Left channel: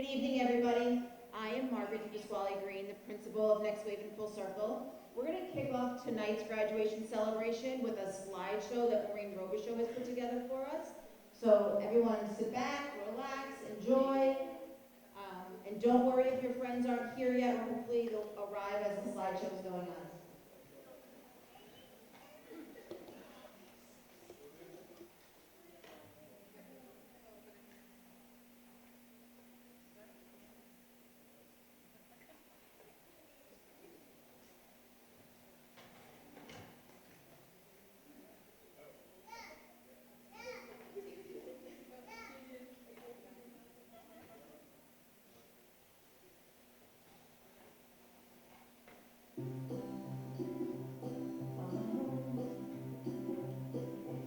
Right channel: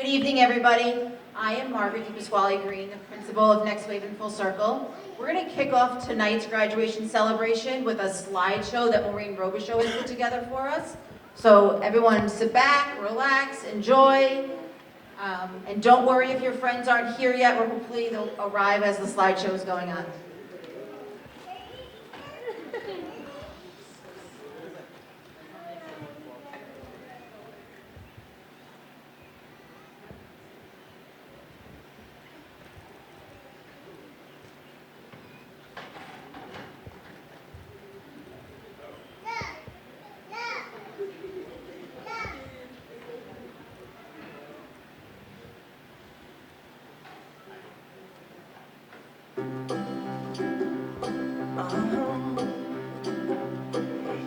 Good evening, everybody. I am Margaret DePasquale Green, the principal of Next Wave in Full Circle. We're going to kick off tonight's graduation celebration with a slideshow that Maureen Robichaux has put together for us. So everyone sit back, relax, enjoy, and don't worry if your friends aren't here yet, or hopefully they'll arrive as the slideshow is going on.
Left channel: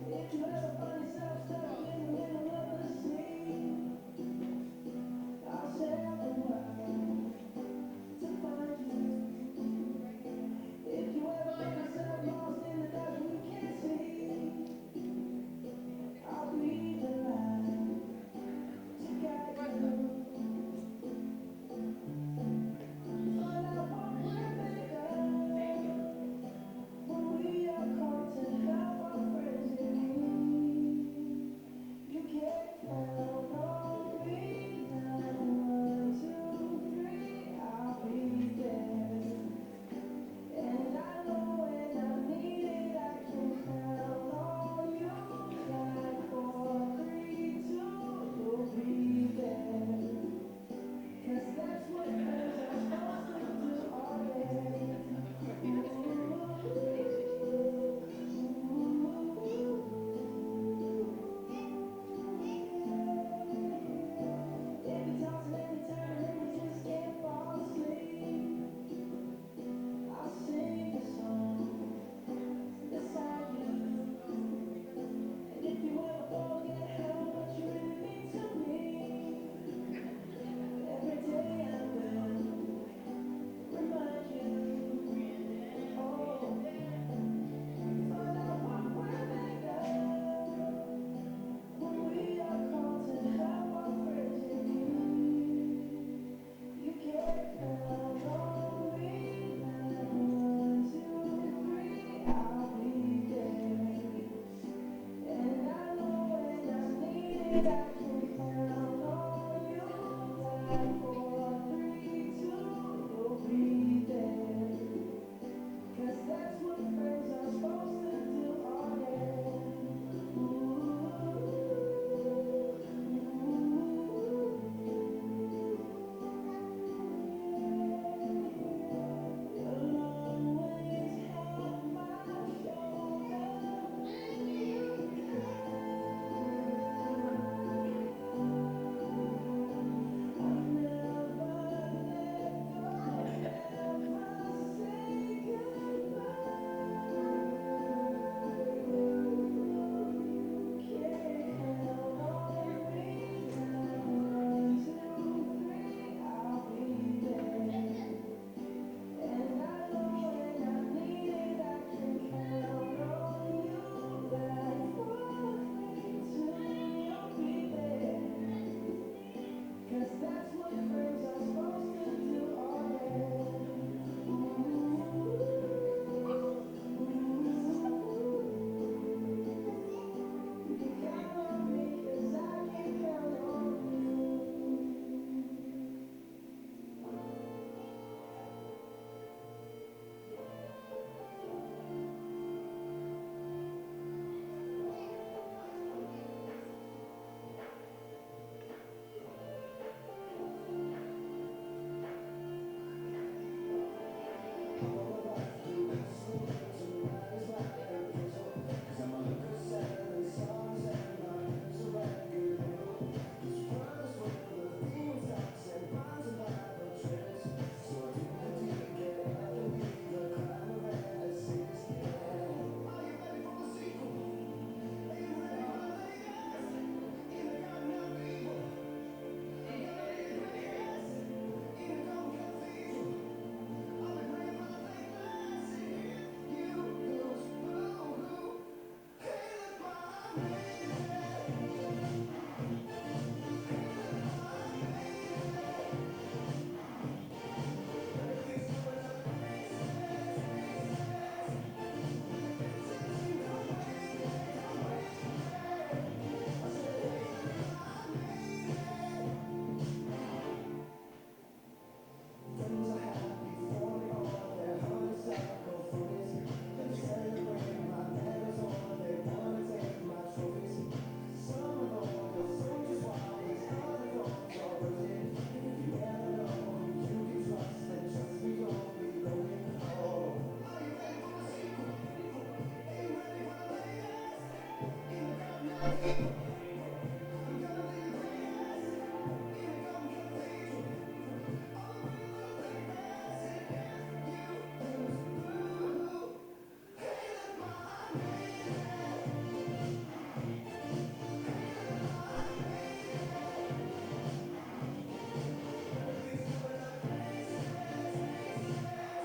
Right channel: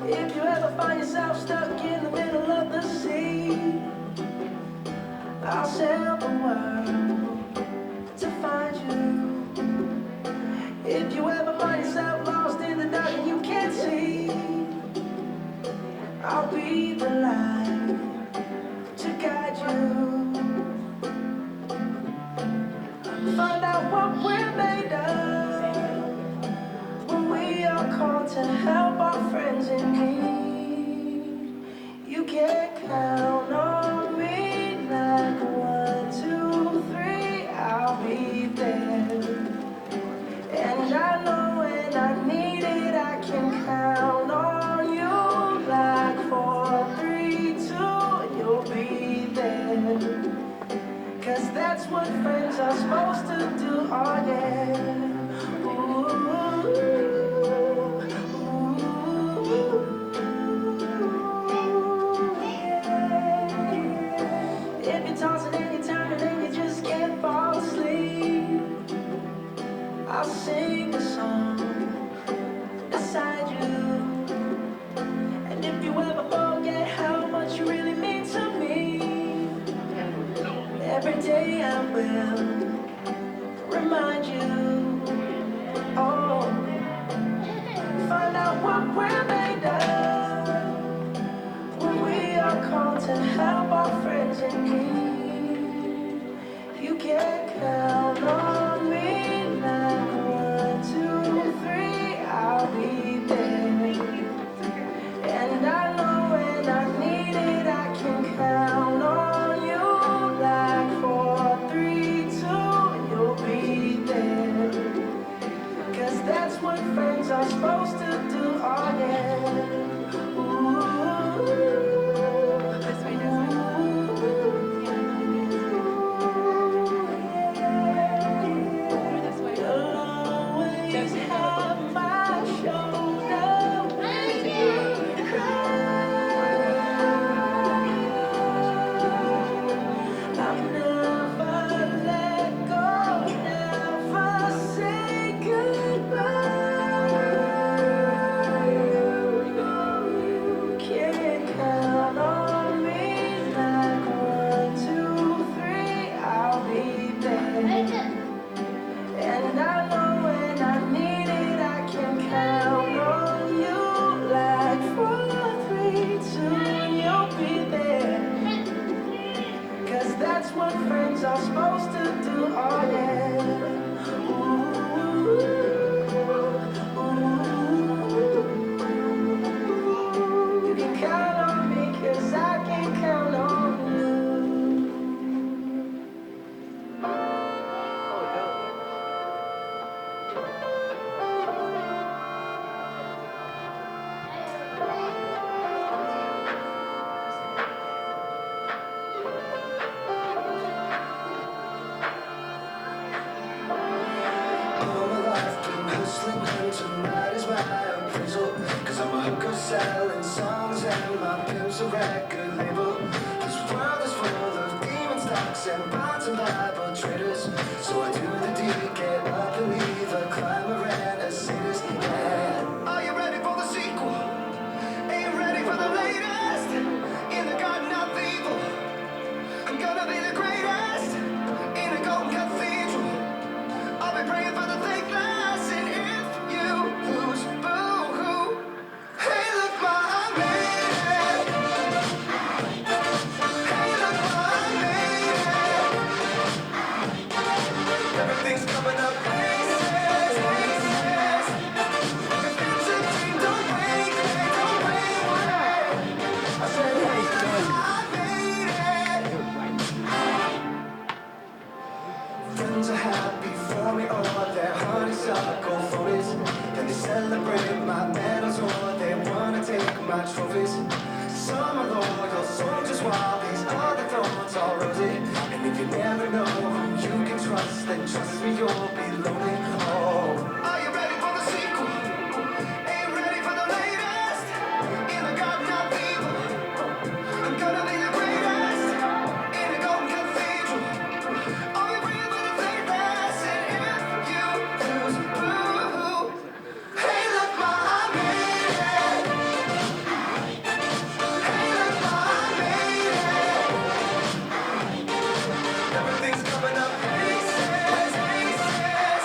If you ever find yourself stuck in the middle of the sea, I'll sail the world to find you. If you ever find yourself lost in the dark and you can't see, I'll be the light to guide you. Find out what we're made of when we are called to help our friends in need. You can count on me like 1, 2, 3, I'll be there. And I know when I need it, I can count on you like 4, 3, 2, you'll be there. 'Cause that's what friends are supposed to do, oh yeah. If you're tossing and you're turning and you just can't fall asleep, I'll sing a song beside you. And if you ever forget how much you really mean to me, every day I will remind you. Oh, find out what we're made of when we are called to help our friends in need. You can count on me like 1, 2, 3, I'll be there. And I know when I need it, I can count on you like 4, 3, 2, you'll be there. 'Cause that's what friends are supposed to do, oh yeah. You'll always have my shoulder when you cry. I'll never let go, never say goodbye. You can count on me like 1, 2, 3, I'll be there. And I know when I need it, I can count on you like 4, 3, 2, you'll be there. 'Cause that's what friends are supposed to do, oh yeah. You can count on me 'cause I can count on you. All my life been hustling, hunting, might as well appraisal. 'Cause I'm a hooker selling songs and my pimp's a record label. This world is full of demon stocks and bonds and Bible traders. So I do the deed, get up and leave a climber and a sadist. Yeah. Are you ready for the sequel? Ain't you ready for the latest? In the garden of evil, I'm gonna be the greatest. In a golden cathedral, I'll be praying for the thickness. And if you lose, boo-hoo. Hey, look what I made it. Hey, look what I made it. friends are happy for me, or their honeysuckle photos. And they celebrate my medals, or they wanna take my trophies. Some are loyal soldiers, while these other thorns are rosy. And if you never know who you can trust, then trust me, you'll be lonely. Oh, are you ready for the sequel? Ain't ready for the latest. In the garden of evil, I'm gonna be the greatest. In a golden cathedral, I'll be real with a faithless. And if you lose, boo. Hey, look, ma, I made it. Hey, look, ma, I made it. Everything's coming up aces, aces.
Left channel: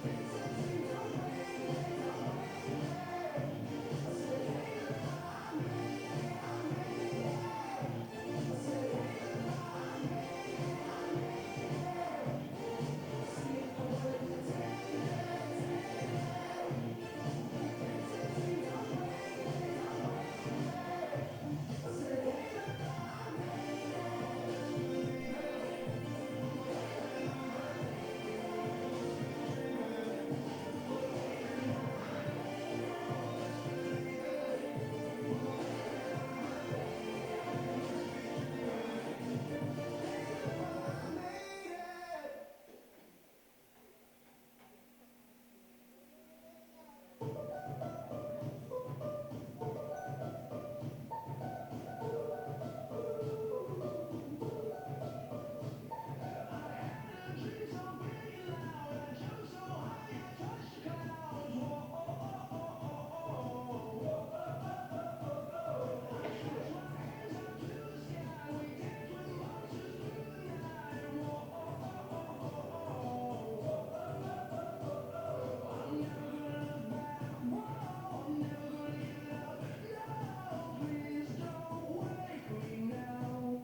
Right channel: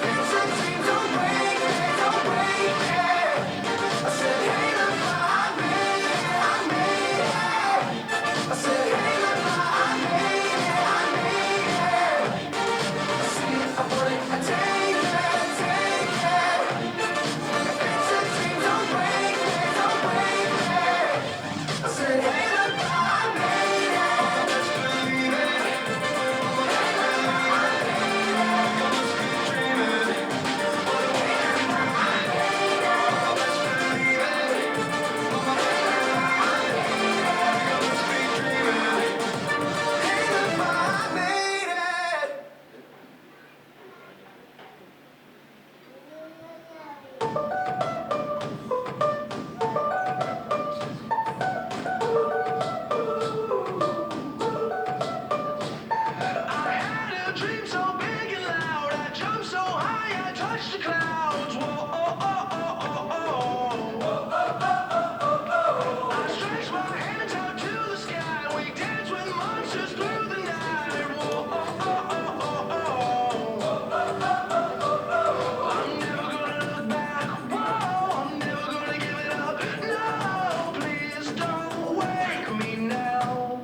Future dreams don't break it, don't break it. I said, hey, look, ma, I made it, I made it. I said, hey, look, ma, I made it, I made it. I see it, I want it, I take it, take it. Future dreams don't break it, don't break it. I said, hey, look, ma, I made it. Just believe it. I had a dream so big and loud, I jumped so high, I touched the clouds. Whoa, oh, oh, oh, oh, oh. I stretched my hands out to the sky, we danced with monsters through the night. Whoa, oh, oh, oh, oh. I'm never gonna look back, whoa, I'm never gonna give it up. No, please don't wake me now.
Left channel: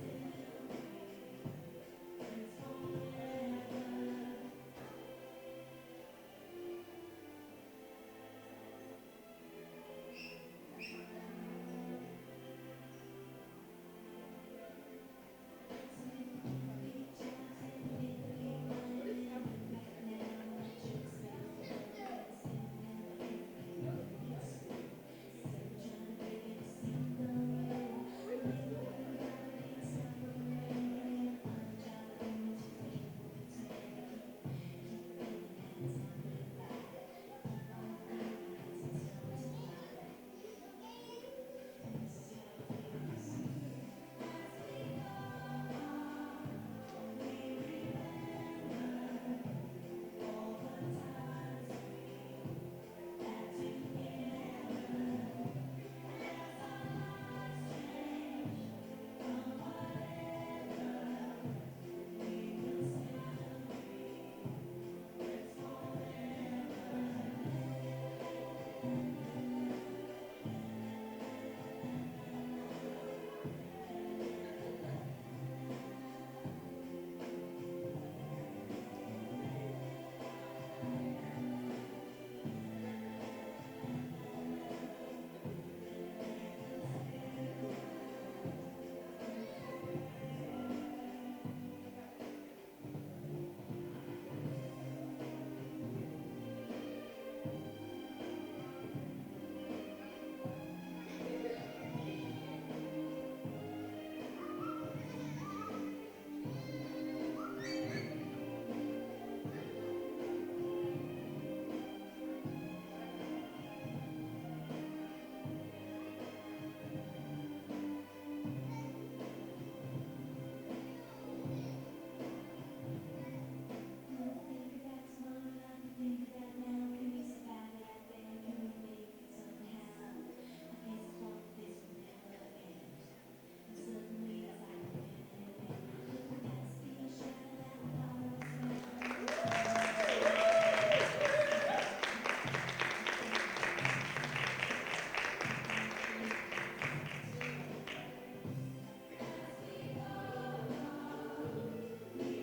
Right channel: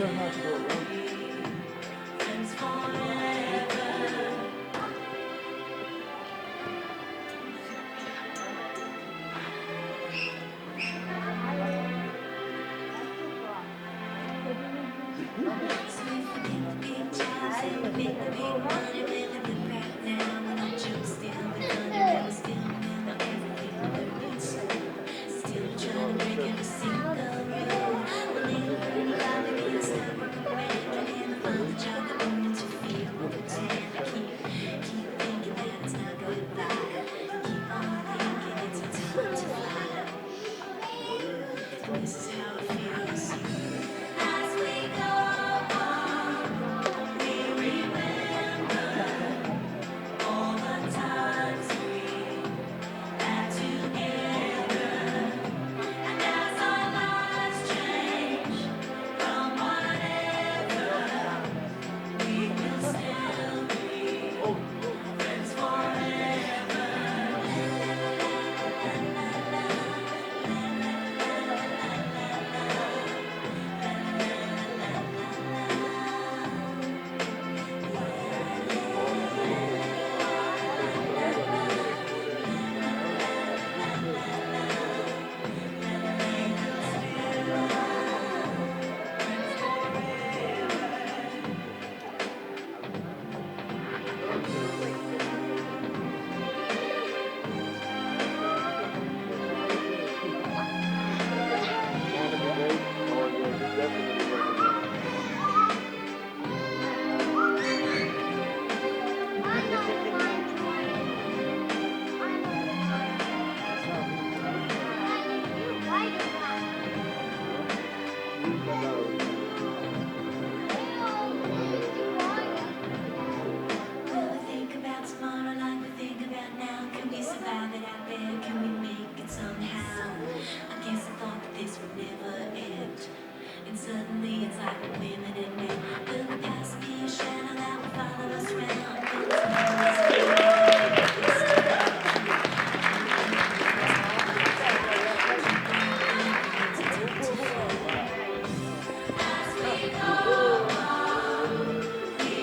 Friends forever. So if we make the big jobs and we make the big money, when we look back now, when our jokes still be funny, when we still remember everything we learned in school. Still trying to break every single rule. We'll never learn about to be a stubborn brand. Can never find the job that we meant to feel or pretend. Keep thinking that it's not goodbye. Keep on thinking it's our time to fly. And this is how it feels. As we go on, we remember all the times we had together. And as our lives change from whatever, we will still be friends forever. Will we think about tomorrow like we think about now? Can we survive it out there? Can we make it somehow? I guess I thought that this would never end. And suddenly it's like women and men. Will the past be a shadow that will follow us around? Will tomorrow's be a As we go on, we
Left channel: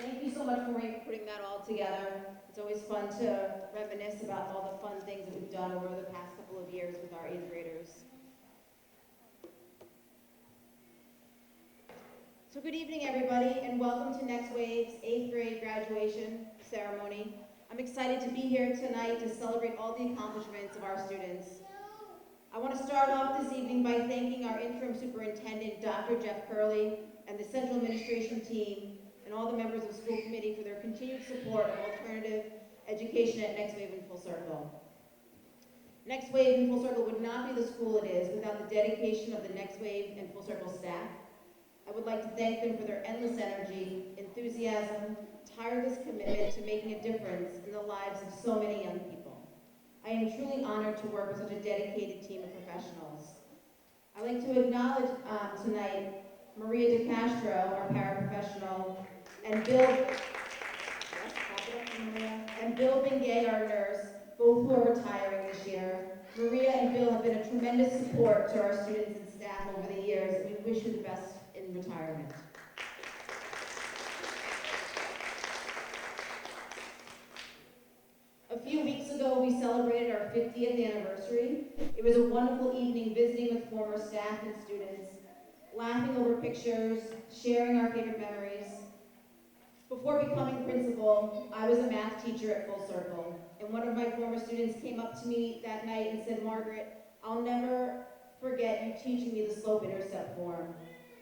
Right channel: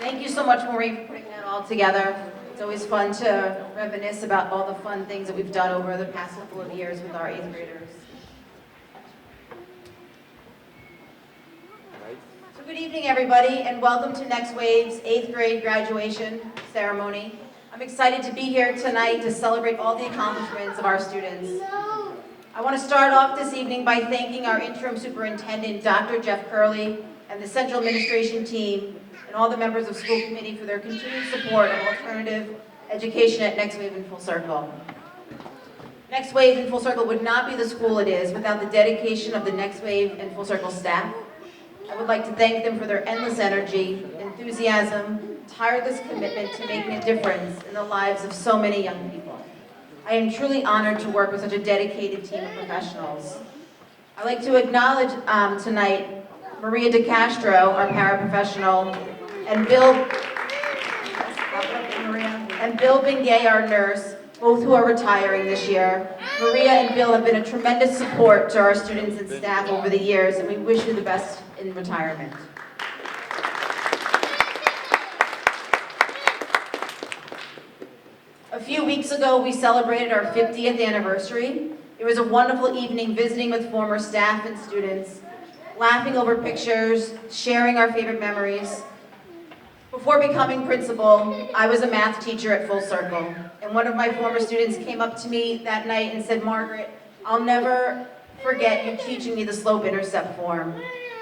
Thank you so much, Maureen, for putting that all together. It's always fun to reminisce about all the fun things that we've done over the past couple of years with our 8th graders. So good evening, everybody, and welcome to Next Wave's 8th grade graduation ceremony. I'm excited to be here tonight to celebrate all the accomplishments of our students. I want to start off this evening by thanking our interim superintendent, Dr. Jeff Curley, and the central administration team, and all the members of school committee for their continued support of alternative education at Next Wave and Full Circle. Next Wave and Full Circle would not be the school it is without the dedication of the Next Wave and Full Circle staff. I would like to thank them for their endless energy, enthusiasm, tireless commitment to making a difference in the lives of so many young people. I am truly honored to work with such a dedicated team of professionals. I'd like to acknowledge tonight Maria DeCastro, our paraprofessional, and Bill Bingay, our nurse, both who are retiring this year. Maria and Bill have been a tremendous support to our students and staff over the years, and we wish you the best in retirement. A few weeks ago, we celebrated our 50th anniversary. It was a wonderful evening visiting with former staff and students, laughing over pictures, sharing our favorite memories. Before becoming principal, I was a math teacher at Full Circle, and one of my former students came up to me that night and said, "Margaret, I'll never forget you teaching me the slope-intercept form."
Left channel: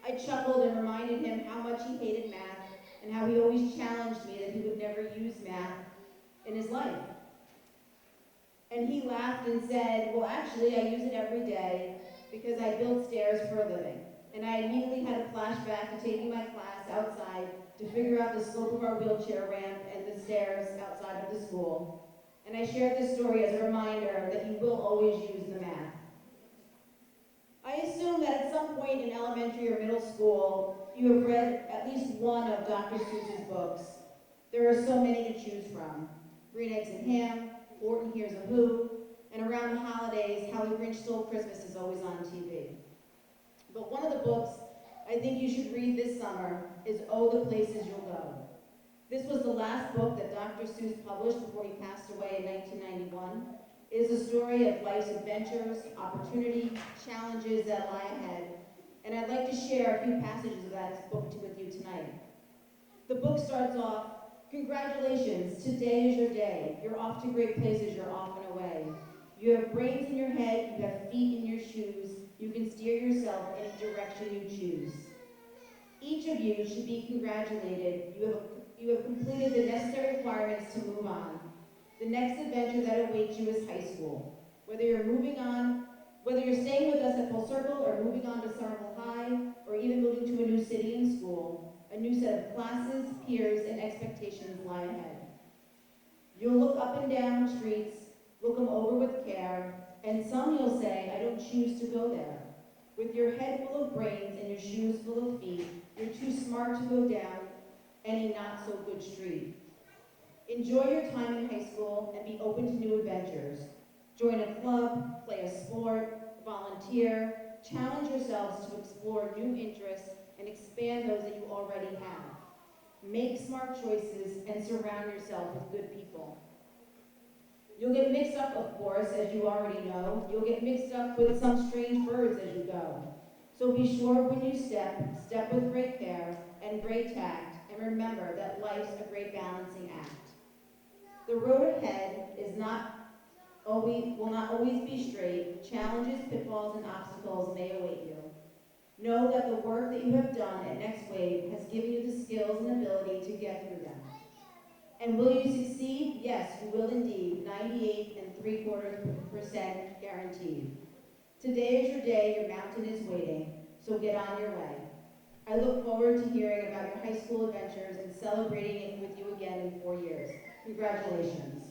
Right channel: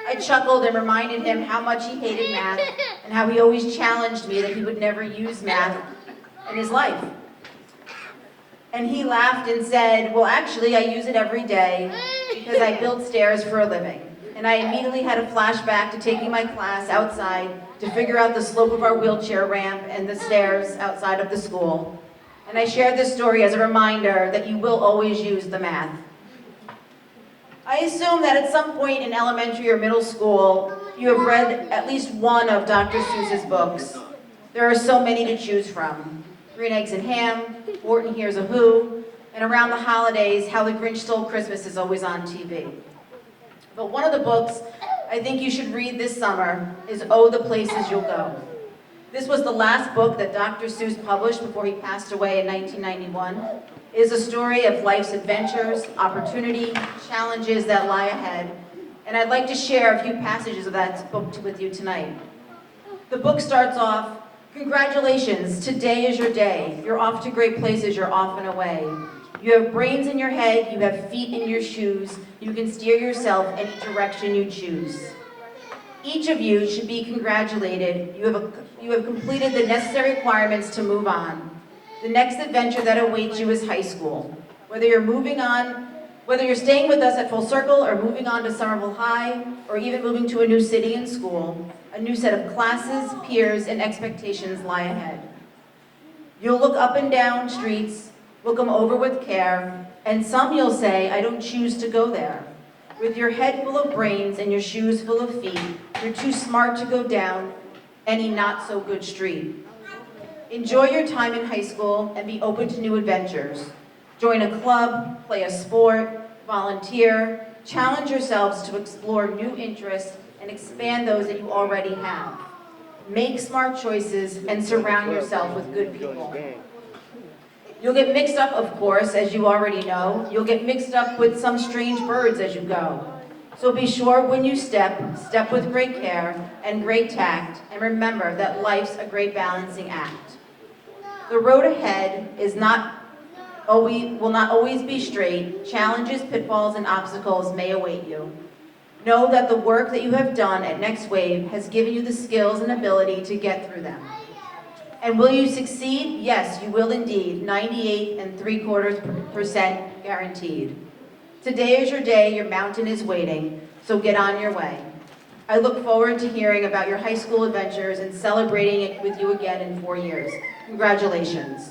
I chuckled and reminded him how much he hated math and how he always challenged me that he would never use math in his life. And he laughed and said, "Well, actually, I use it every day because I build stairs for a living." And I immediately had a flashback to taking my class outside to figure out the slope of our wheelchair ramp and the stairs outside of the school. And I shared this story as a reminder that you will always use the math. I assume that at some point in elementary or middle school, you have read at least one of Dr. Seuss's books. There are so many to choose from. Green Eggs and Ham, Wharton Hears a Who, and around the holidays, How the Grinch Stole Christmas is always on TV. But one of the books I think you should read this summer is Oh, the Places You'll Go. This was the last book that Dr. Seuss published before he passed away in 1991. It is a story of life's adventures, opportunity, challenges that lie ahead, and I'd like to share a few passages of that book with you tonight. The book starts off, "Congratulations, today is your day. You're off to great places, you're off and away. You have brains in your head, you have feet in your shoes. You can steer yourself any direction you choose. Each of you should be congratulated. You have completed the necessary requirements to move on. The next adventure that awaits you is high school. Whether you're staying with us at Full Circle or moving on to Somerville High, or even moving to a new city and school, a new set of classes, peers, and expectations lie ahead. You'll look up and down streets, look them over with care, and some you'll say, I don't choose to go there. With your head full of brains and your shoes full of feet, you're too smart to go down any not-so-good street. Enjoy your time in high school and be open to new adventures. Join a club, play a sport, volunteer, challenge yourselves to explore new interests and expand those that you already have. Make smart choices and surround yourself with good people. You'll get mixed up, of course, as you already know. You'll get mixed up with some strange birds as you go. So be sure when you step with great care and great tact, and remember that life's a great balancing act. The road ahead will not always be straight. Challenges, pitfalls, and obstacles may await you. Know that the work that you have done at Next Wave has given you the skills and ability to get through them. And will you succeed? Yes, you will indeed. 98.75% guaranteed. Today is your day, your mountain is waiting, so get on your way. I look forward to hearing about your high school adventures and celebrating it with you again in 4 years. Congratulations.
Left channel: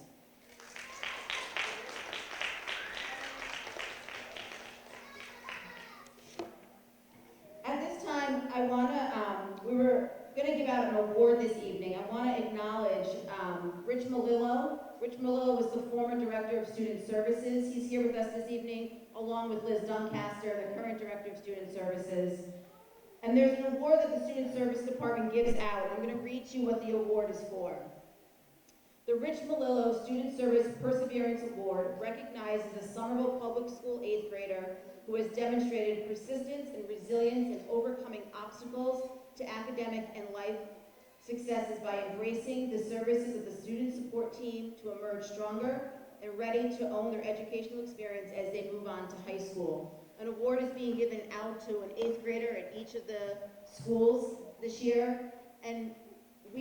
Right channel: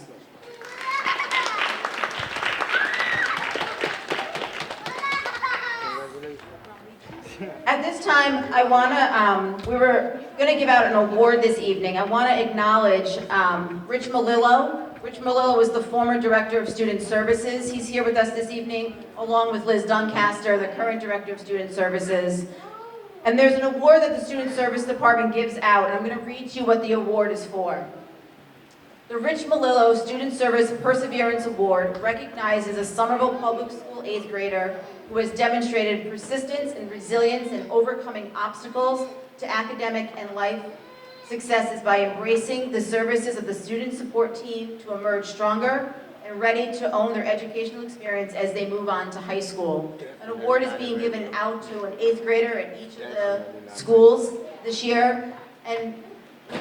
At this time, we were going to give out an award this evening. I want to acknowledge Rich Malillo. Rich Malillo is the former Director of Student Services. He's here with us this evening, along with Liz Doncaster, the current Director of Student Services. And there's an award that the Student Service Department gives out, and I'm going to read to you what the award is for. The Rich Malillo Student Service Perseverance Award recognizes a Somerville Public School 8th grader who has demonstrated persistence and resilience in overcoming obstacles to academic and life successes by embracing the services of the student support team to emerge stronger and ready to own their educational experience as they move on to high school. An award is being given out to an 8th grader at each of the schools this year, and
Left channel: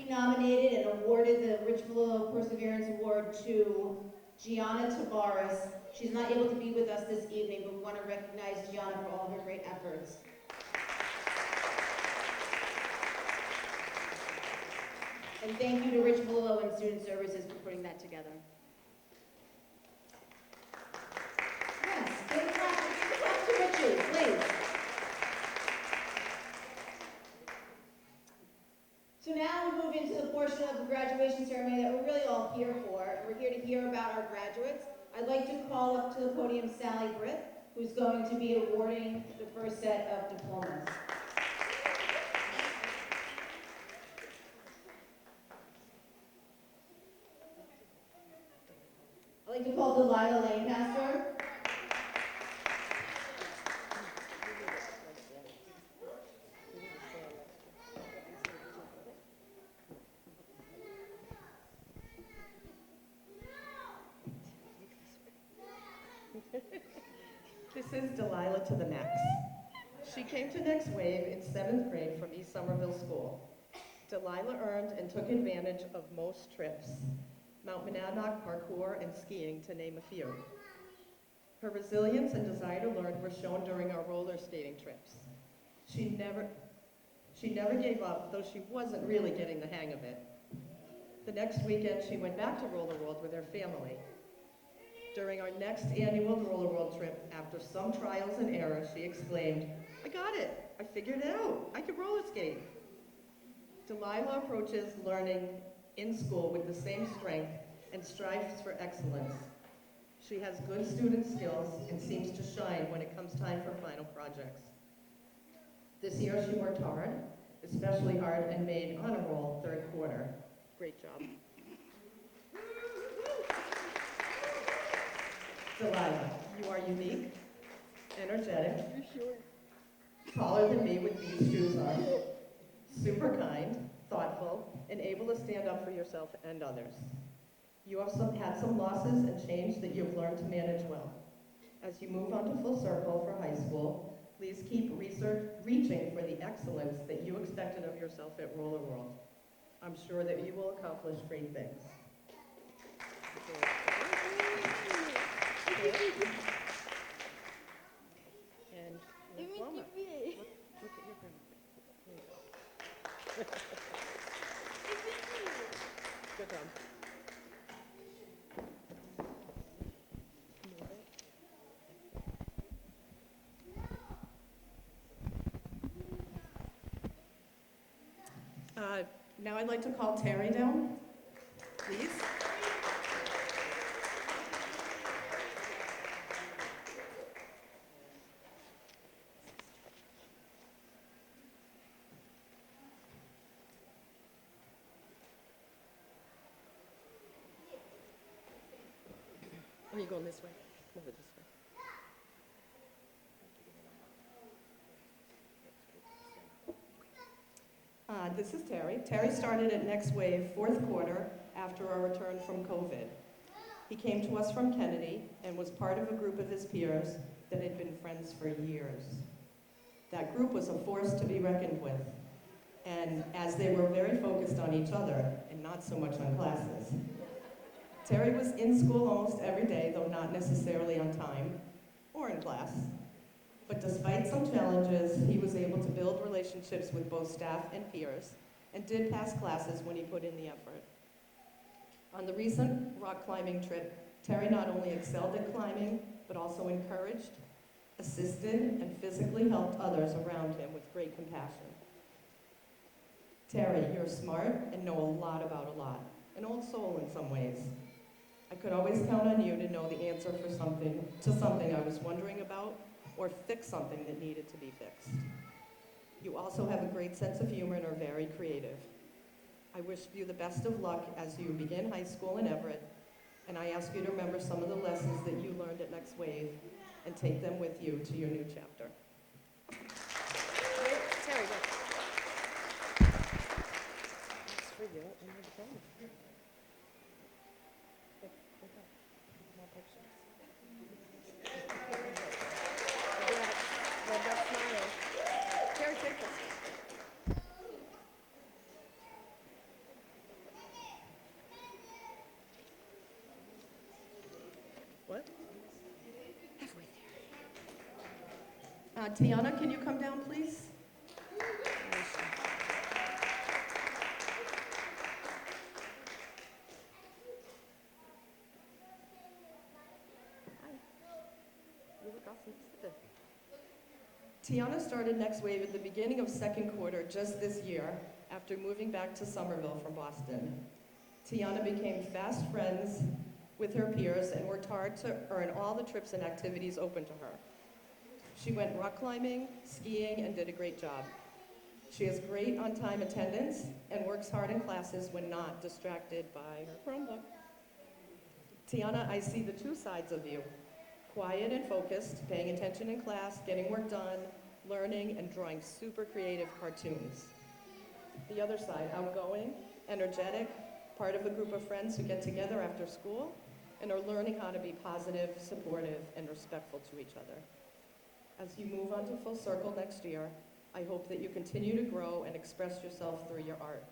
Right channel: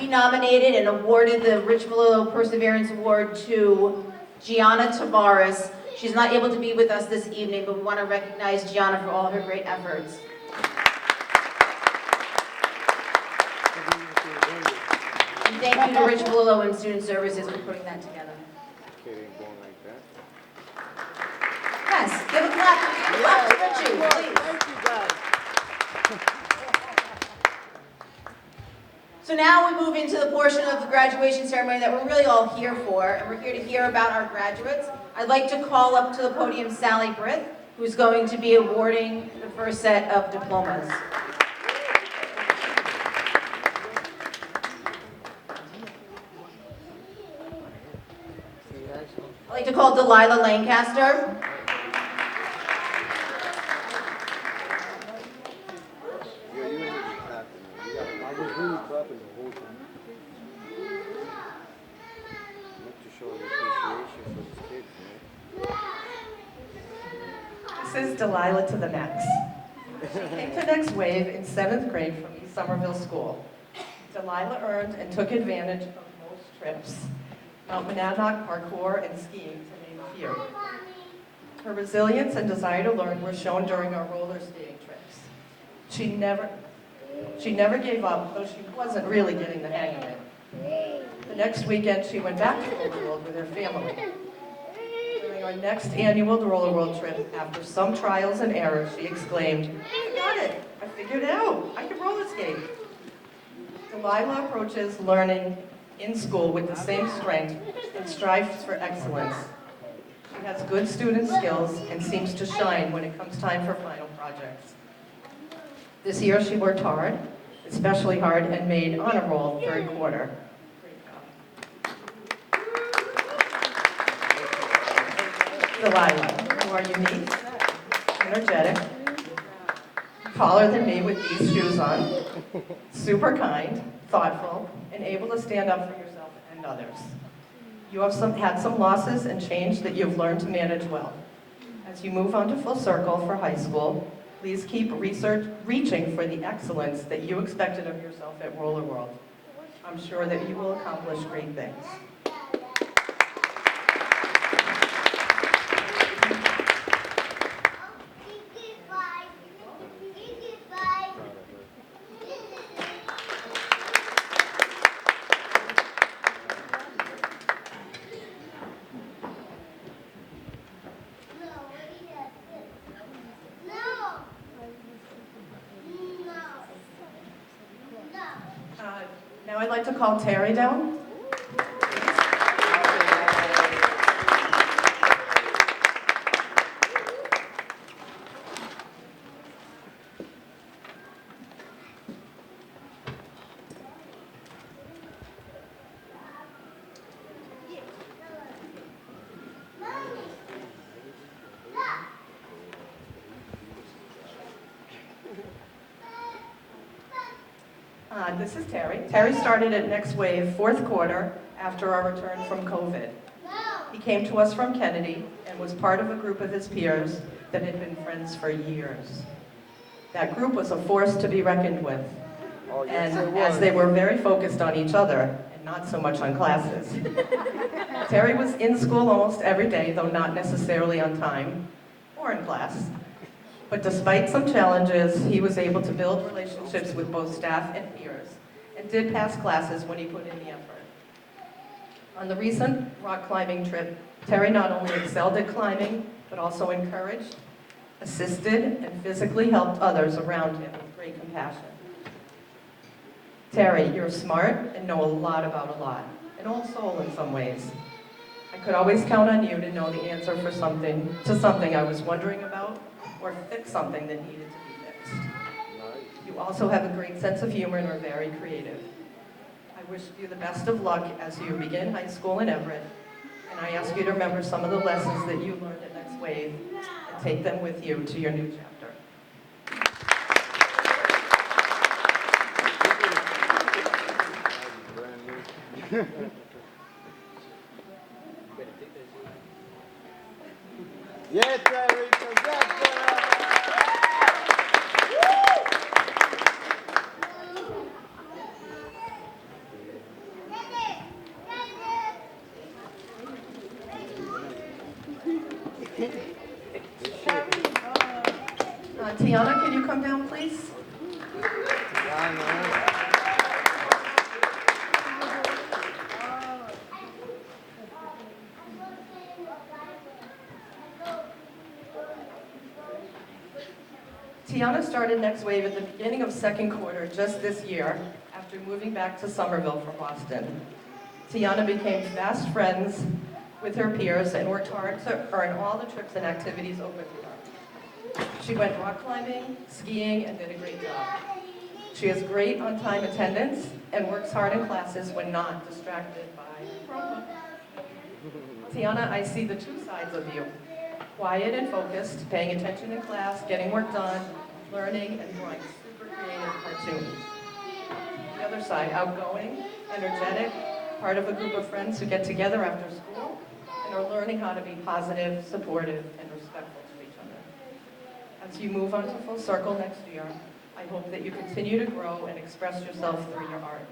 we nominated and awarded the Rich Malillo Perseverance Award to Gianna Tavares. She's not able to be with us this evening, but we want to recognize Gianna for all her great efforts. And thank you to Rich Malillo and Student Services for putting that together. Yes, give a clap to Richie, please. So now we move into the portion of the graduation ceremony that we're really all here for, and we're here to hear about our graduates. I'd like to call up to the podium Sally Brith, who's going to be awarding the first set of diplomas. I'd like to call Delilah Lancaster. This is Delilah to the max. She came to Next Wave in 7th grade from East Somerville School. Delilah earned and took advantage of most trips, Mount Monadnock, parkour, and skiing, to name a few. Her resilience and desire to learn were shown during our roller skating trips. She never gave up, though she wasn't really getting the hang of it. The next weekend, she went back to Roller World with her family. During our next annual Roller World trip, after some trials and errors, she exclaimed, "I got it! I figured it out! I can roller skate!" Delilah approaches learning in school with the same strength and strives for excellence. She has good student skills and seems to shine when it comes time for final projects. This year she worked hard, especially hard, and made honor roll third quarter. Great job. Delilah, you are unique, energetic, taller than me with these shoes on, super kind, thoughtful, and able to stand up for yourself and others. You have had some losses and change that you've learned to manage well. As you move on to full circle for high school, please keep reaching for the excellence that you expected of yourself at Roller World. I'm sure that you will accomplish great things. Now I'd like to call Terry down. This is Terry. Terry started at Next Wave fourth quarter after our return from COVID. He came to us from Kennedy and was part of a group of his peers that had been friends for years. That group was a force to be reckoned with, and as they were very focused on each other and not so much on classes. Terry was in school almost every day, though not necessarily on time or in class. But despite some challenges, he was able to build relationships with both staff and peers, and did pass classes when he put in the effort. On the recent rock climbing trip, Terry not only excelled at climbing, but also encouraged, assisted, and physically helped others around him with great compassion. Terry, you're smart and know a lot about a lot, an old soul in some ways. I could always count on you to know the answer to something I was wondering about, or fix something that needed to be fixed. You also have a great sense of humor and are very creative. I wish you the best of luck as you begin high school in Everett, and I ask you to remember some of the lessons that you learned at Next Wave and take them with you to your new chapter. Yeah, Terry, congrats, Tiana, can you come down, please? Tiana started Next Wave at the beginning of second quarter just this year after moving back to Somerville from Boston. Tiana became fast friends with her peers and worked hard to earn all the trips and activities open to her. She went rock climbing, skiing, and did a great job. She has great on-time attendance and works hard in classes when not distracted by Chromebook. Tiana, I see the two sides of you. Quiet and focused, paying attention in class, getting work done, learning, and drawing super creative cartoons. The other side, outgoing, energetic, part of a group of friends who get together after school and are learning how to be positive, supportive, and respectful to each other. As you move on to Full Circle next year, I hope that you continue to grow and express yourself through your art.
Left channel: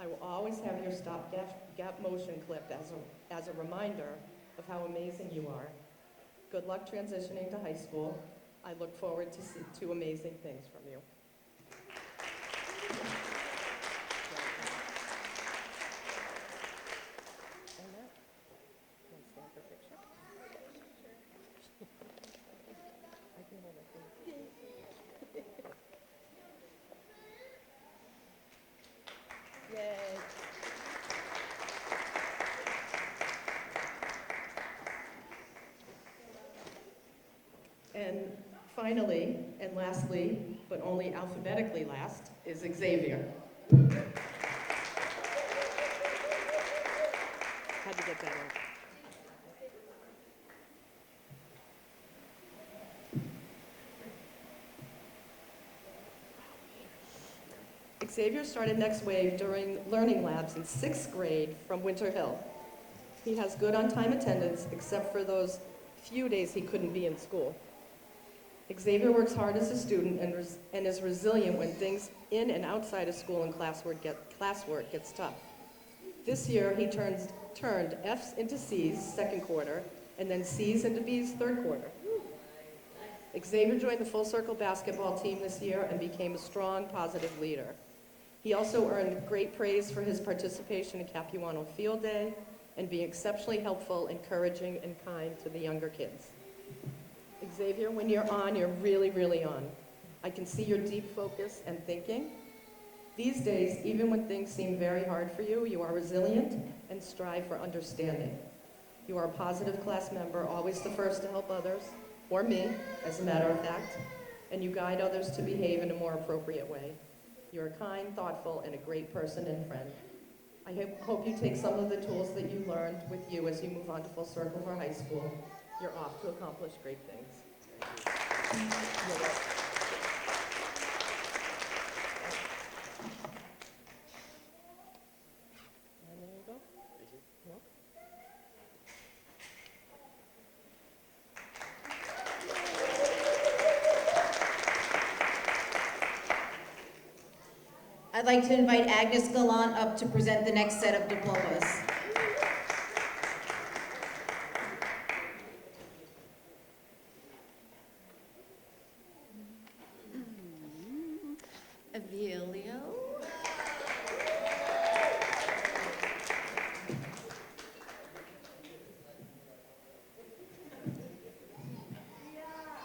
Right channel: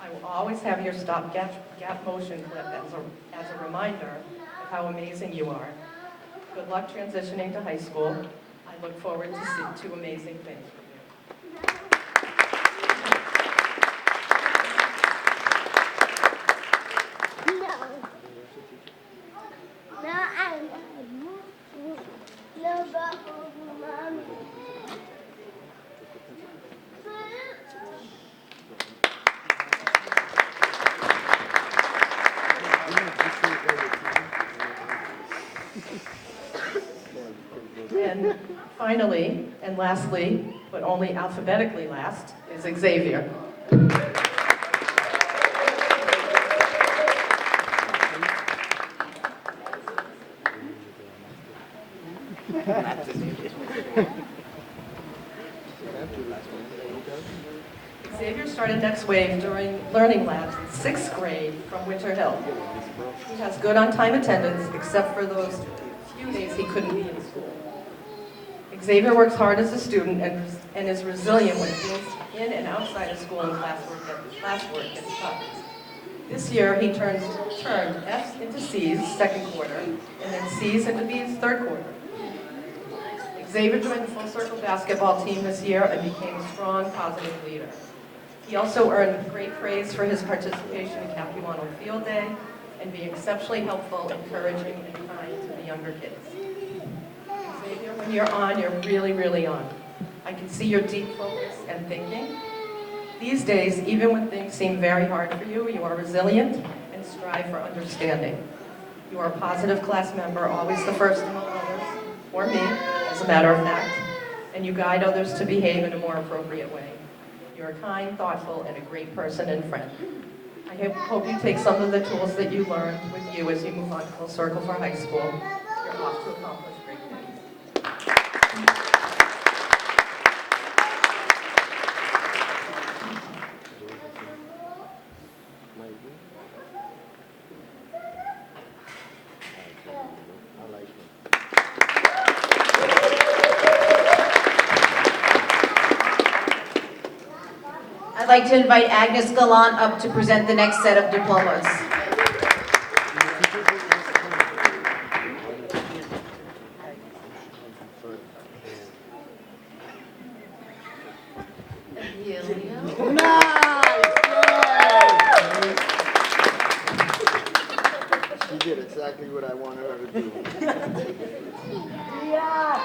I will always have your stop gap motion clip as a reminder of how amazing you are. Good luck transitioning to high school. I look forward to two amazing things for you. And finally, and lastly, but only alphabetically last, is Xavier. Xavier started Next Wave during Learning Labs in 6th grade from Winter Hill. He has good on-time attendance, except for those few days he couldn't be in school. Xavier works hard as a student and is resilient when things in and outside of school and classwork gets tough. This year, he turned F's into C's, 2nd quarter, and then C's into B's, 3rd quarter. Xavier joined the Full Circle basketball team this year and became a strong, positive leader. He also earned great praise for his participation in Capuano Field Day and being exceptionally helpful, encouraging, and kind to the younger kids. Xavier, when you're on, you're really, really on. I can see your deep focus and thinking. These days, even when things seem very hard for you, you are resilient and strive for understanding. You are a positive class member, always the first among others, or me, as a matter of fact, and you guide others to behave in a more appropriate way. You're kind, thoughtful, and a great person and friend. I hope you take some of the tools that you learned with you as you move on to Full Circle for high school. You're off to accomplish great things. I'd like to invite Agnes Gallant up to present the next set of diplomas. She did exactly what I wanted her to do. Yeah.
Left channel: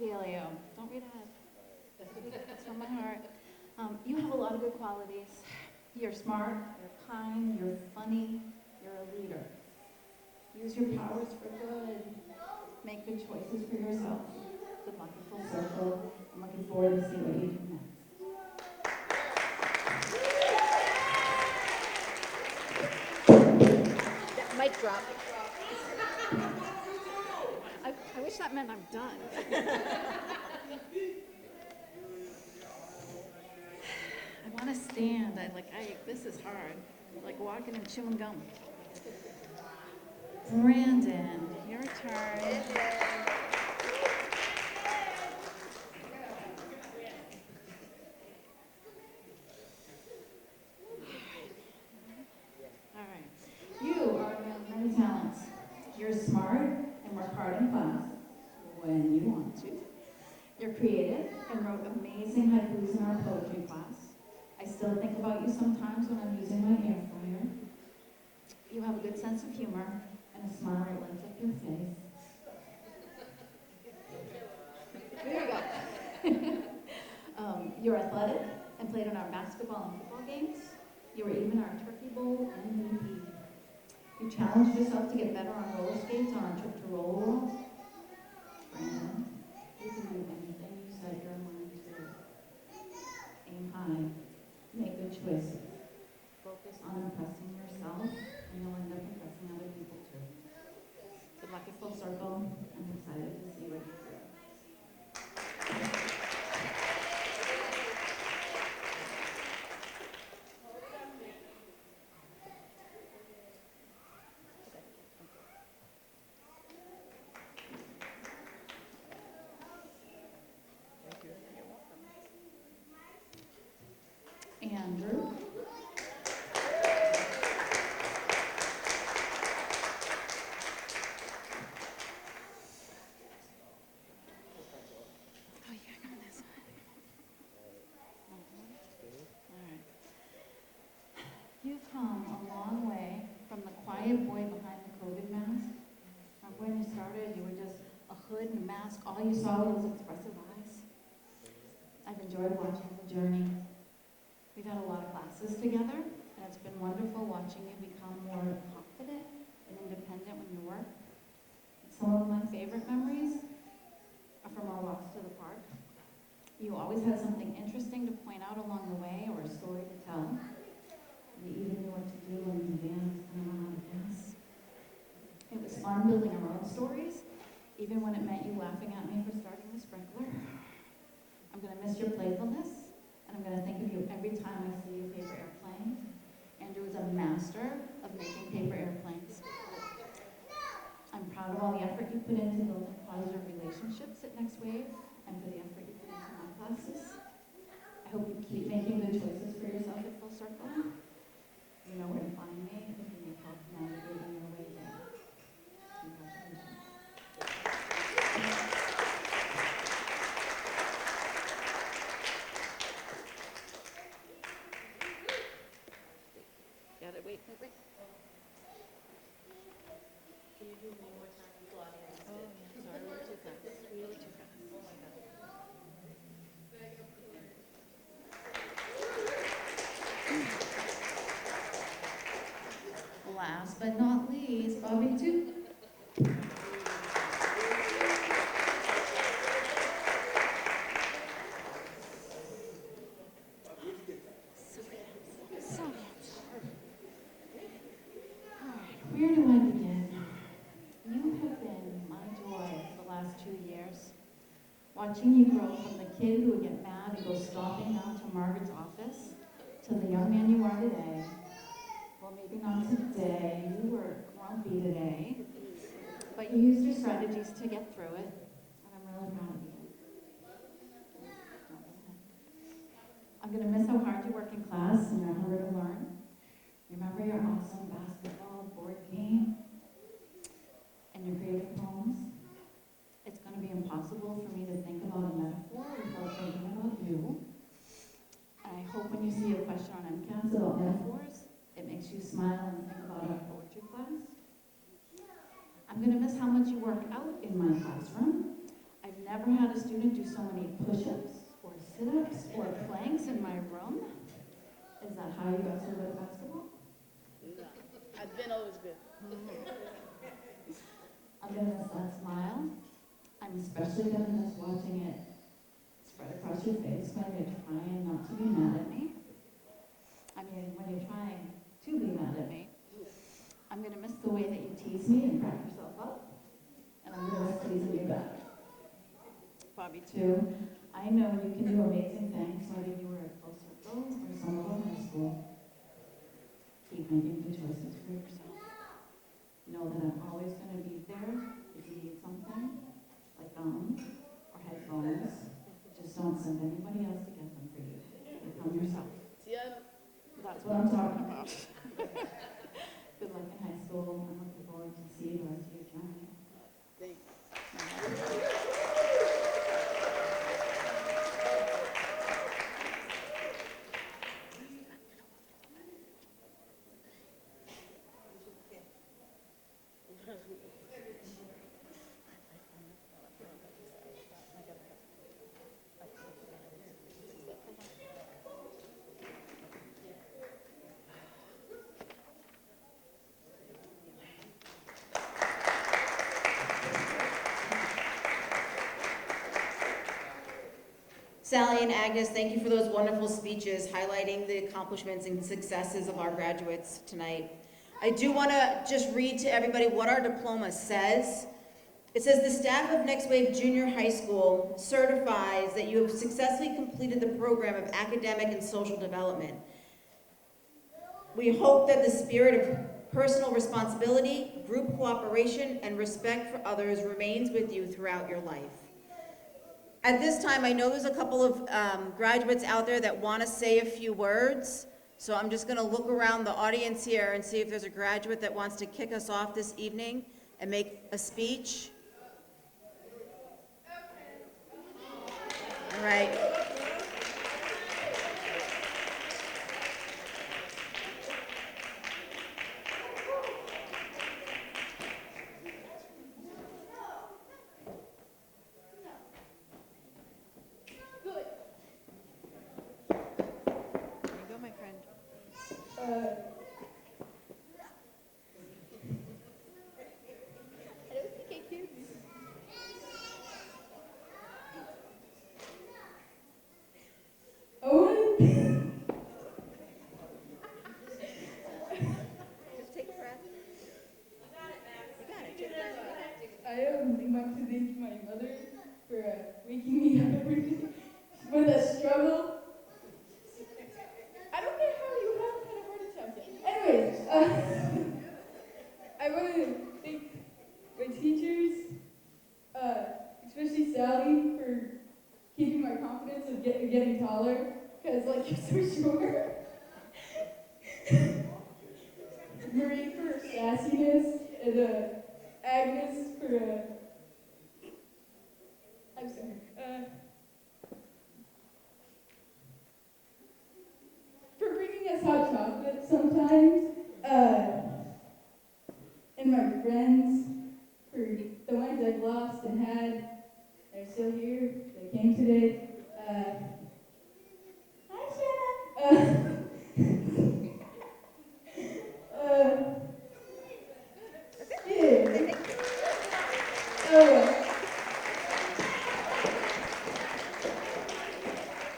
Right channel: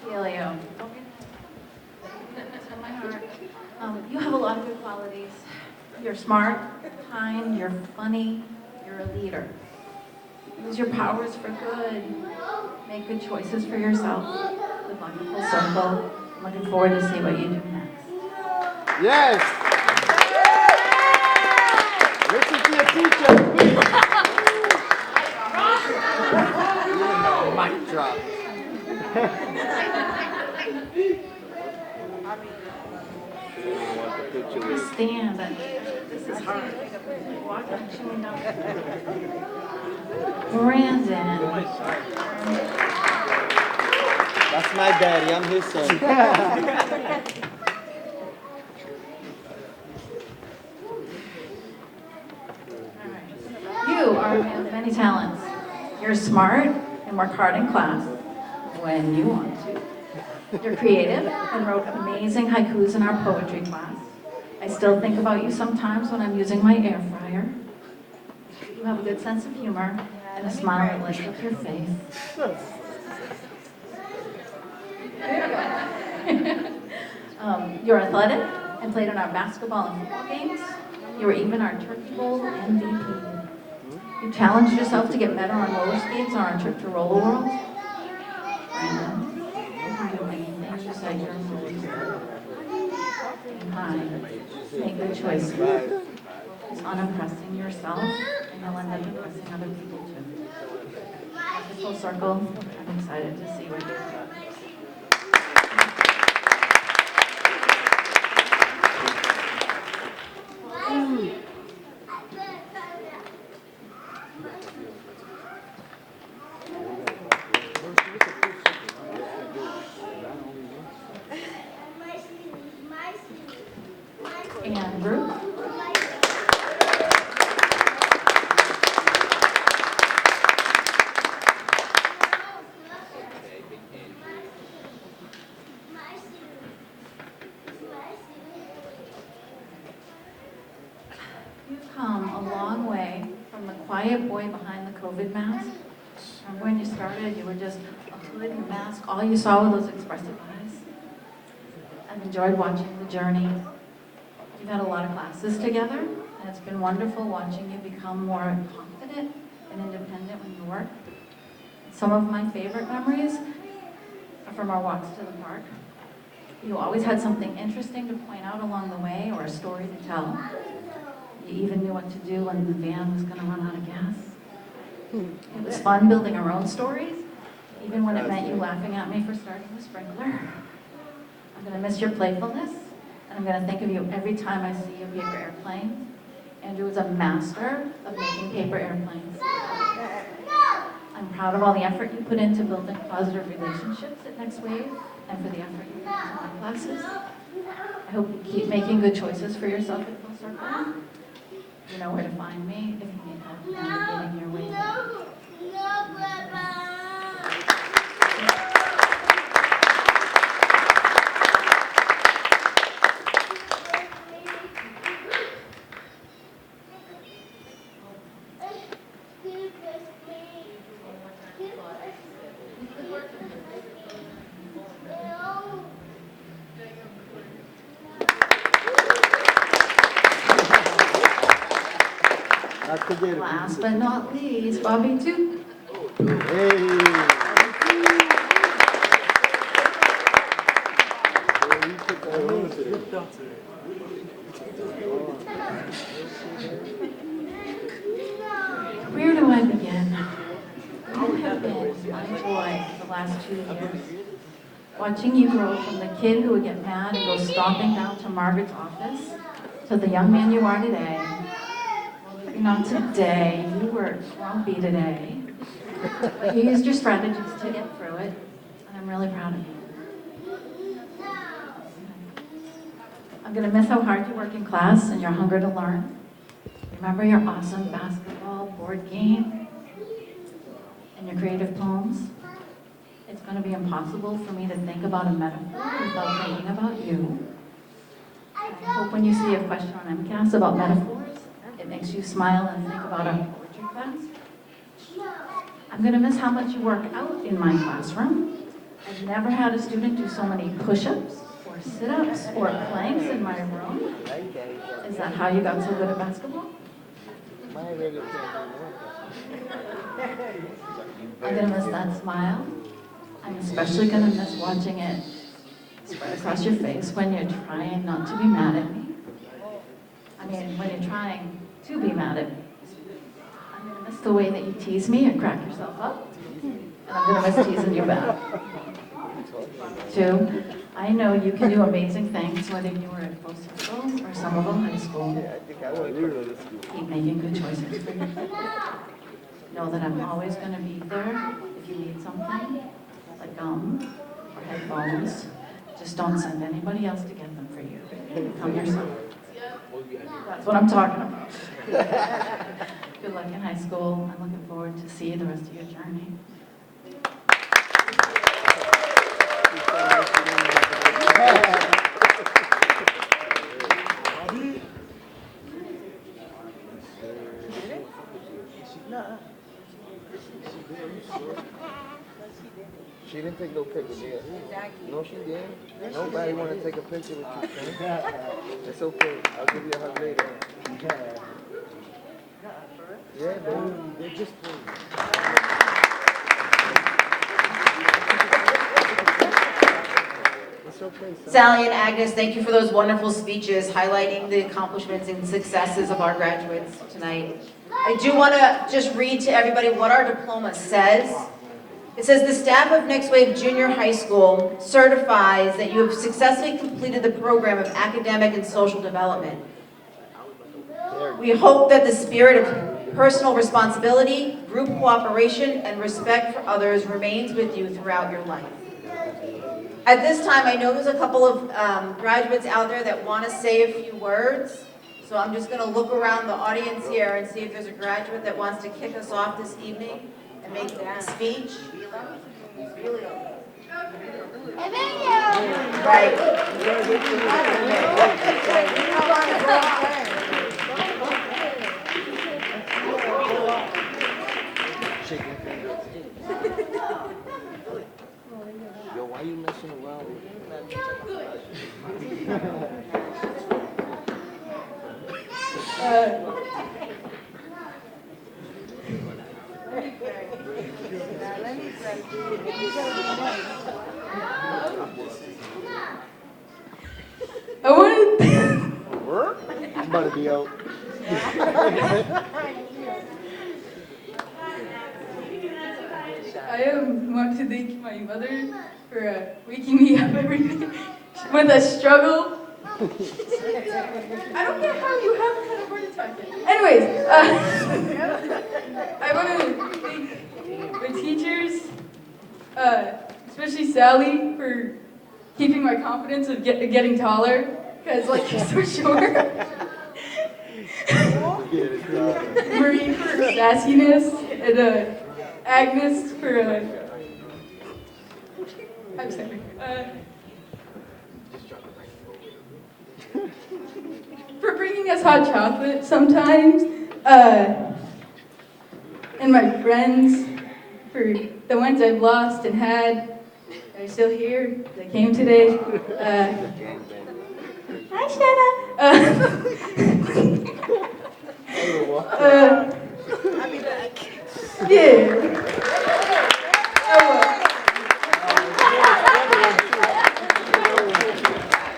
Helio. From my heart, you have a lot of good qualities. You're smart, kind, you're funny, you're a leader. Use your powers for good. Make good choices for yourself. Good luck at Full Circle. I'm looking forward to see what you do next. Yes! Listen to your teacher, please. Mic drop. Stand. This is hard. Walk on chewing up. Brandon. That's my daddy. I'm his son. You are a man of many talents. You're smart and work hard in class when you want to. You're creative and wrote amazing haikus in our poetry class. I still think about you sometimes when I'm using my air fryer. You have a good sense of humor and a smile that lights up your face. You were athletic and played in our basketball and football games. You were even our Turkey Bowl MVP. You challenged yourself to get better on roller skates on our trip to Roller World. Brandon, behind the many things you said you're always being kind, make good choices. Focus on impressing yourself, and you'll end up impressing other people too. At the full circle, I'm excited to see what you're doing. Andrew. You've come a long way from the quiet boy behind the COVID mask. Remember when you started, you were just a hood and a mask. All you saw were those expressive eyes. I've enjoyed watching the journey. We've had a lot of classes together, and it's been wonderful watching you become more confident and independent when you work. Some of my favorite memories are from our walks to the park. You always had something interesting to point out along the way or a story to tell. You even knew what to do when the van was going to run out of gas. It was fun building our own stories, even when it meant you laughing at me for starting the sprinkler. I'm going to miss your playfulness. And I'm going to think of you every time I see a paper airplane. Andrew was a master of making paper airplanes. I'm proud of all the effort you put into building positive relationships at Next Wave and for the effort you put into my classes. I hope you keep making good choices for yourself at Full Circle. You know where to find me if you need help navigating your way there. Last but not least, Bobby too. Where do I begin? You have been my joy for the last 2 years. Watching you grow from the kid who would get mad and go stomping down to Margaret's office to the young man you are today. Not today. You were grumpy today. But you used your strategies to get through it, and I'm really proud of you. I'm going to miss how hard you work in class and your hunger to learn. Remember your awesome basketball board game and your creative poems? It's going to be impossible for me to think about a metaphor without thinking about you. And I hope when you see a question on MCAS about metaphors, it makes you smile and think about our poetry class. I'm going to miss how much you work out in my classroom. I've never had a student do so many push-ups or sit-ups or planks in my room. Is that how you got so good at basketball? I'm going to miss that smile. I'm especially going to miss watching it spread across your face when you're trying not to be mad at me. I mean, when you're trying to be mad at me. I'm going to miss the way that you tease me and crack yourself up. And I'm going to miss teasing you back. 2, I know you can do amazing things whether you were at Full Circle or Somerville High School. Keep making good choices for yourself. Know that I'm always going to be there if you need something, like gum or headphones. Just don't send anybody else to get them for you. Come yourself. That's what I'm talking about. Good luck in high school. I'm looking forward to see the rest of your journey. She didn't take no pictures yet. No, she didn't. Nobody want to take a picture with you, son. It's okay. I'll give you a hug later. Yeah, baby. They're just for you. It's okay, son. Sally and Agnes, thank you for those wonderful speeches highlighting the accomplishments and successes of our graduates tonight. I do want to just read to everybody what our diploma says. It says, the staff of Next Wave Junior High School certifies that you have successfully completed the program of academic and social development. We hope that the spirit of personal responsibility, group cooperation, and respect for others remains with you throughout your life. At this time, I know there's a couple of graduates out there that want to say a few words. So I'm just going to look around the audience here and see if there's a graduate that wants to kick us off this evening and make a speech. Right. Chicken fingers. Yo, why you messing around with I wanted. Work? I'm about to be out. I want to thank my mother for waking me up every day with a struggle. I don't get how you haven't had a heart attack yet. Anyways, I want to thank my teachers, especially Sally, for keeping my confidence of getting taller, because like he's so short. Marie for sassiness, and Agnes for I'm sorry. For bringing us hot chocolate sometimes, and my friends for the ones I've lost and had. They're still here. They came today. Hi, Shanna. I'll be back. Yeah.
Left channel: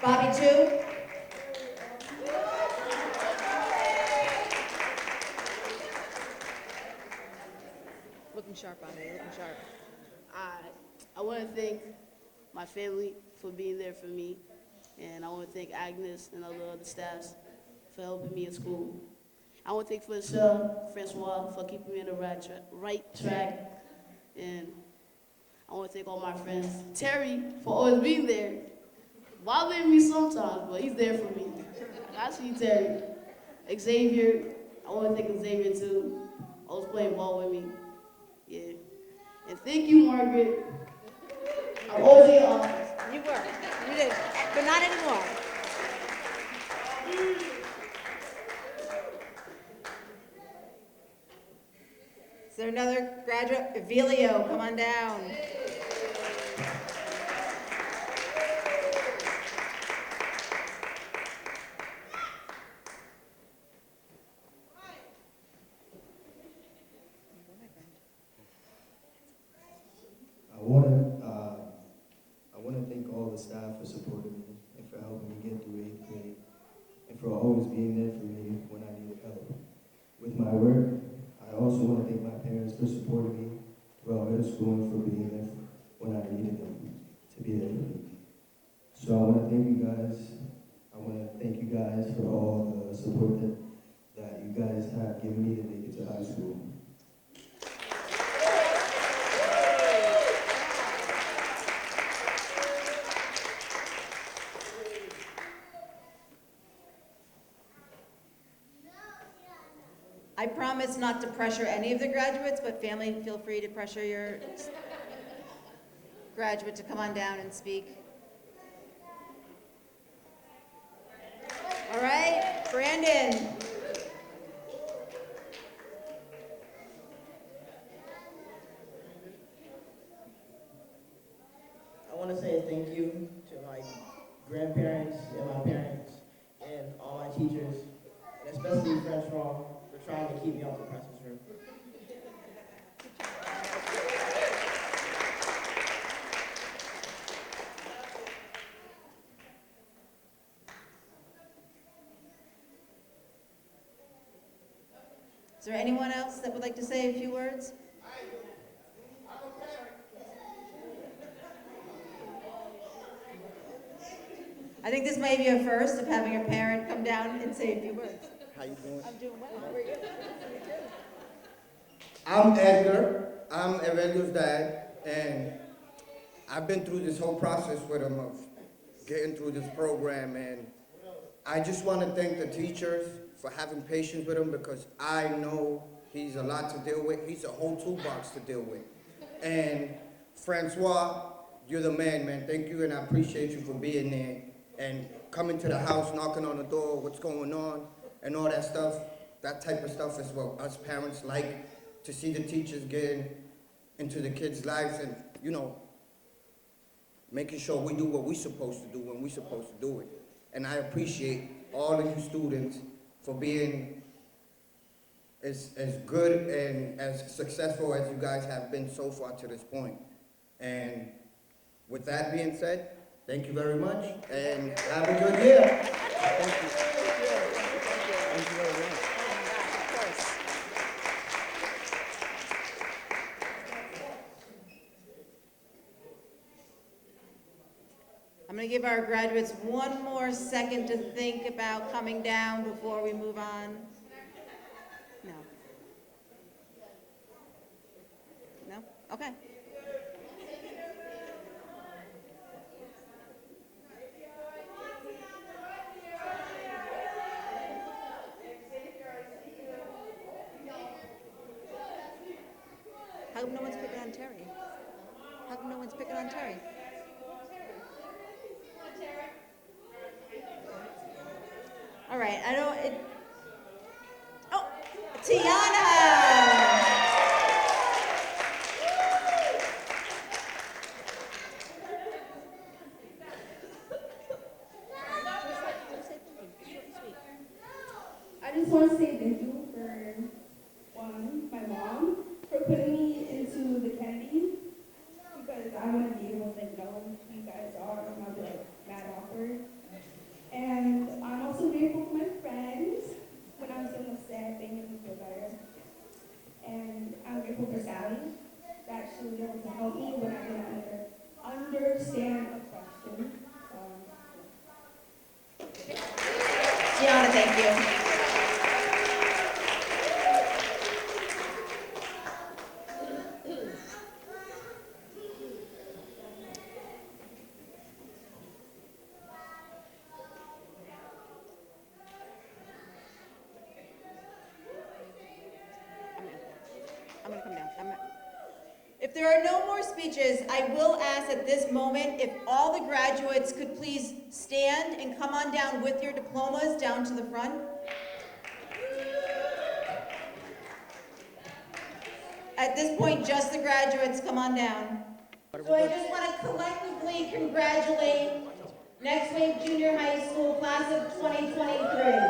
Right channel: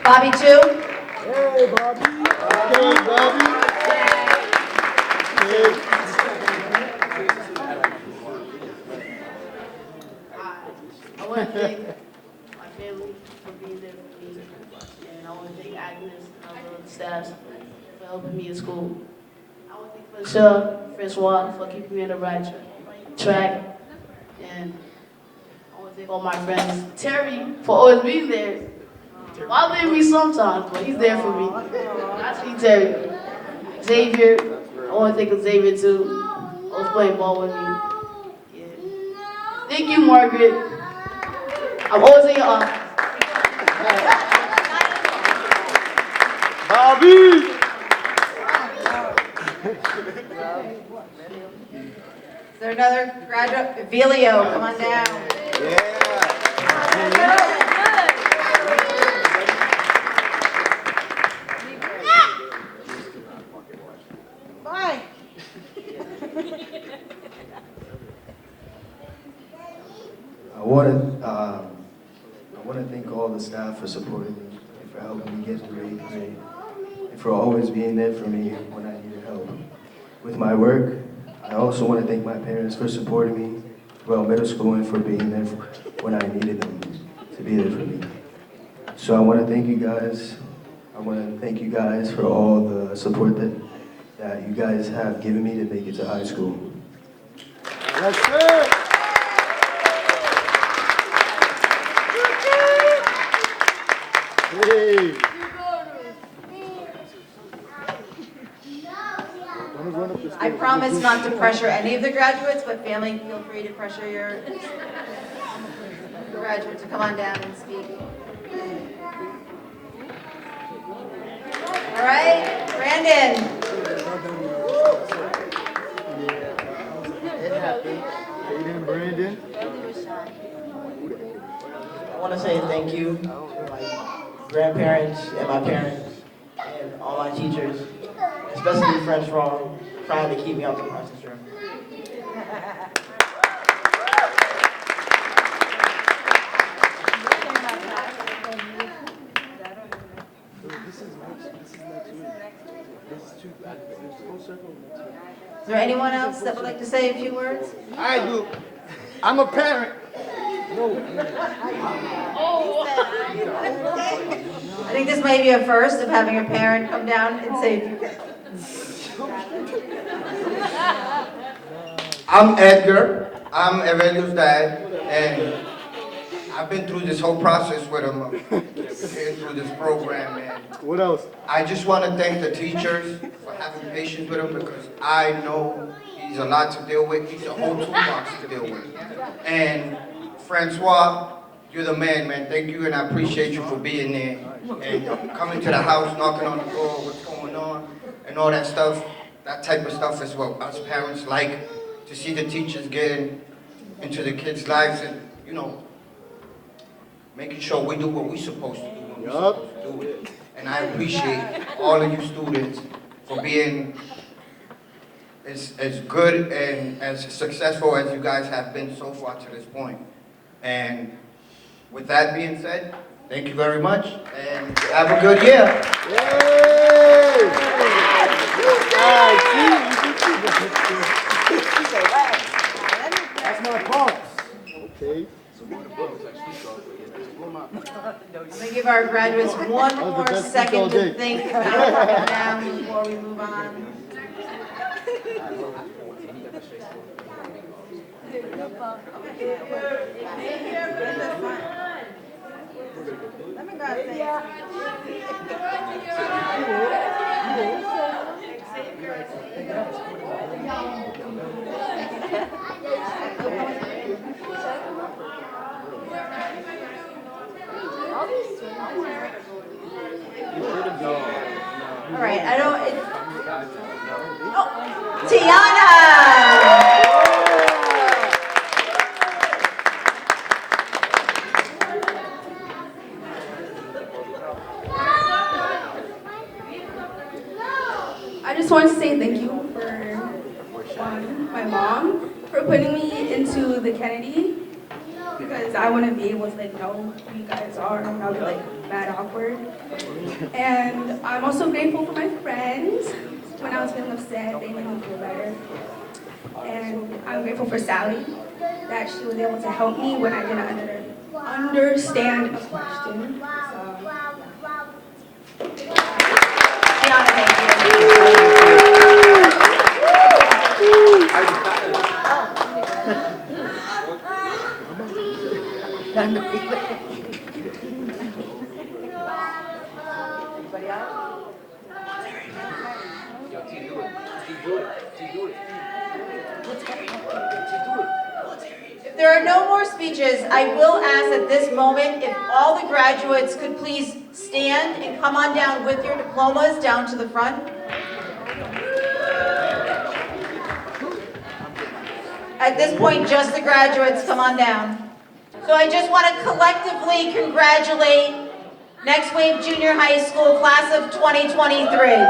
Bobby, too? Hey, Bobby. Hey, Bobby. Hey. I want to thank my family for being there for me, and I want to thank Agnes and other staff for helping me in school. I want to thank Francois for keeping me on the right track, and I want to thank all my friends. Terry for always being there, bothering me sometimes, but he's there for me. Actually, Terry. Xavier, I want to thank Xavier too. Always playing ball with me. Yeah. And thank you, Margaret. I'm always in your office. Bobby! Is there another graduate? Vilio, come on down. Bye. I want to thank all the staff for supporting me, and for helping me get through 8th grade, and for always being there for me when I needed help. With my work, I also want to thank my parents for supporting me throughout middle school and for being there when I needed them to be there for me. So I want to thank you guys. I want to thank you guys for all the support that you guys have given me to make it to high school. That's it! Hey! I promise not to pressure any of the graduates, but family, feel free to pressure your graduates to come on down and speak. All right, Brandon. It happened. Aiden and Brandon. want to say thank you to my grandparents and my parents and all my teachers, especially French for trying to keep me out the process room. Is there anyone else that would like to say a few words? I do. I'm a parent. I think this may be a first of having a parent come down and say a few words. I'm Edgar. I'm Aurelio's dad, and I've been through this whole process with him, getting through this program, and What else? I just want to thank the teachers for having patience with him because I know he's a lot to deal with. He's a whole toolbox to deal with. And Francois, you're the man, man. Thank you, and I appreciate you for being there and coming to the house, knocking on the door, what's going on, and all that stuff. That type of stuff is what us parents like, to see the teachers getting into the kids' lives and, you know, making sure we do what we're supposed to do when we're supposed to do it. And I appreciate all of you students for being as good and as successful as you guys have been so far to this point. And with that being said, thank you very much and have a good year. That's my pops. Okay. I'm going to give our graduates one more second to think about coming down before we move on. All right, I don't. Oh, Tiana! I just want to say thank you for my mom for putting me into the Kennedy because I wouldn't be able to know who you guys are and I'll be mad awkward. And I'm also grateful for my friends. When I was feeling upset, they made me feel better. And I'm grateful for Sally that she was able to help me when I didn't understand a question. Tiana, thank you. If there are no more speeches, I will ask at this moment if all the graduates could please stand and come on down with your diplomas down to the front. At this point, just the graduates, come on down. So I just want to collectively congratulate Next Wave Junior High School class of 2023.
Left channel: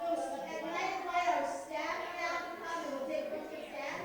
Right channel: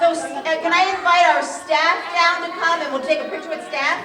So can I invite our staff down to come and we'll take a picture with staff?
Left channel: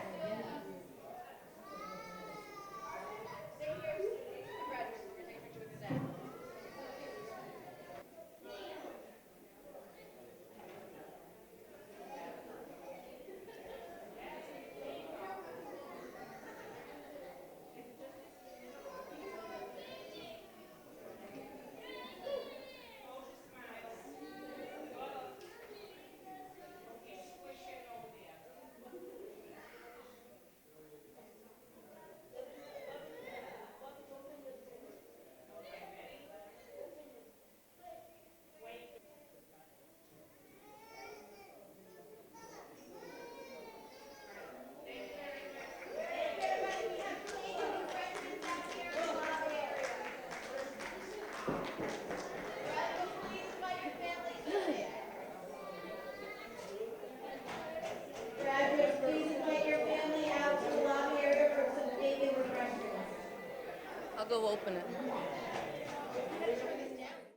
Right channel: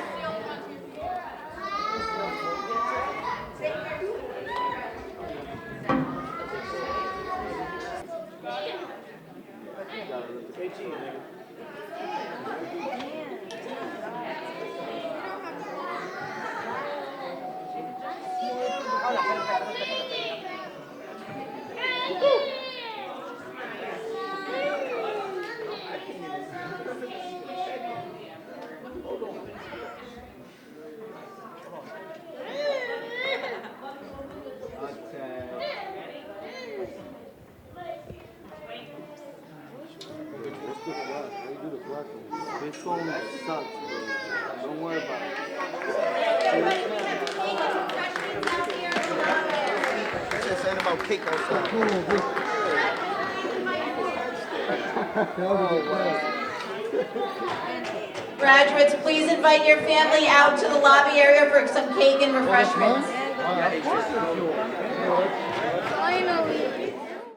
This phone sucks, bro. Don't worry about it. Saying about cake outside. Graduates, please invite your family out to the lobby area for some cake and refreshments. Of course we do.